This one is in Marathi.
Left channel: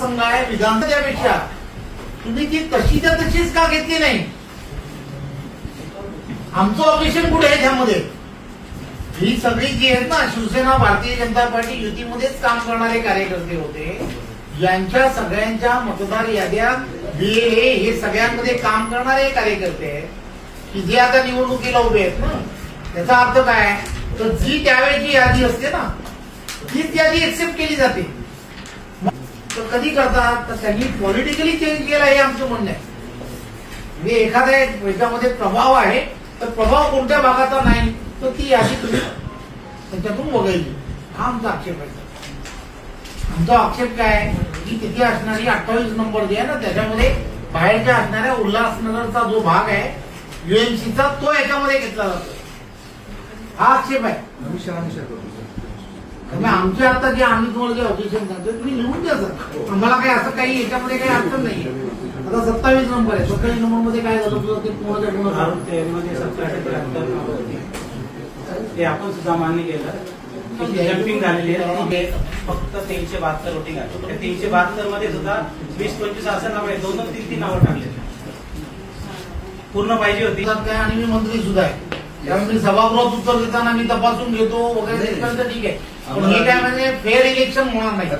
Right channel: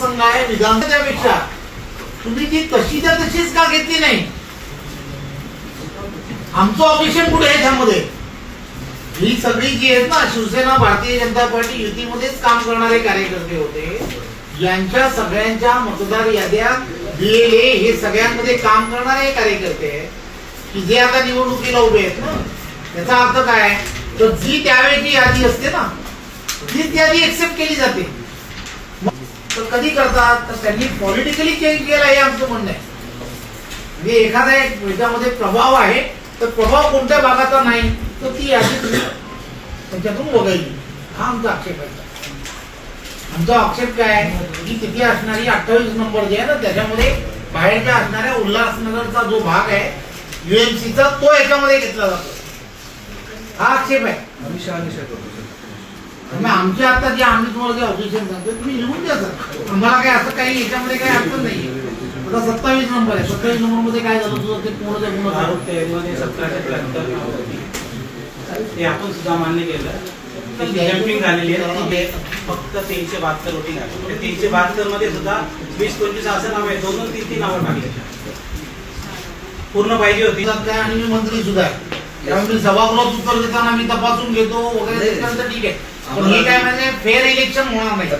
संघ आहे विधानसभेपेक्षा तुम्ही ती तशीच्या तशीच का घेतली नाही? आमचं ऑब्जेक्शन कुठे आहे त्यामध्ये? ही सगळी जी आहेत ना शिवसेना भारतीय जनता पार्टी युतीमध्येच काम करणारे कार्यकर्ते होते, यांच्या सगळ्यांच्या मतदार याद्या बीएलए हे सगळ्यांमध्ये काम करणारे कार्यकर्ते की जे आता निवडणुकीला उभे आहेत ना, त्याचा अर्थ काय? तर जी त्यावेळेची यादी असते ना तीच यादी एक्सेप्ट केली जाते. तर कधी करतात? तर त्यांनी पॉलिटिकली चेंज केला हे आमचं म्हणणं आहे. म्हणजे एखाद्या याच्यामध्ये प्रभाव आहे तर प्रभाव कोणत्या भागाचा नाही तर ती यादी त्याच्यातून वगळली. हा आमचा आक्षेप आहे. आमचा आक्षेप काय आहे की तिथे असणारी 28 नंबर जे आहे ना त्याच्यामध्ये बाहेरच्या असणाऱ्या उल्हासनगरचा जो भाग आहे यूएमसीचा तो याच्यामध्ये घेतला जातो. हा आक्षेप आहे. आमच्या आता जे आम्ही तुम्हाला जे ऑब्जेक्शन सांगतो तुम्ही लिहून द्या सर. आम्हाला काय असं काही याच्यामध्ये काही अडचण नाहीये. आता 27 नंबर आहे. 27 नंबर मध्ये काय झालं तुझं ते पूर्ण ते आपण सुद्धा मान्य केलं. जम्पिंग झालेली आहे. फक्त 372 वोटिंग आहे. 372 मध्ये सुद्धा 20-25 असं नाव आहे. 2-3 नावं टाकली पूर्ण पाहिजे होती. काय आणि मी मंत्री सुद्धा आहे कारण मी सभागृहात उत्तर देताना मी तपासून घेतो वगैरे ठीक आहे. पण हे काय म्हणजे फेअर इलेक्शन होणार नाही.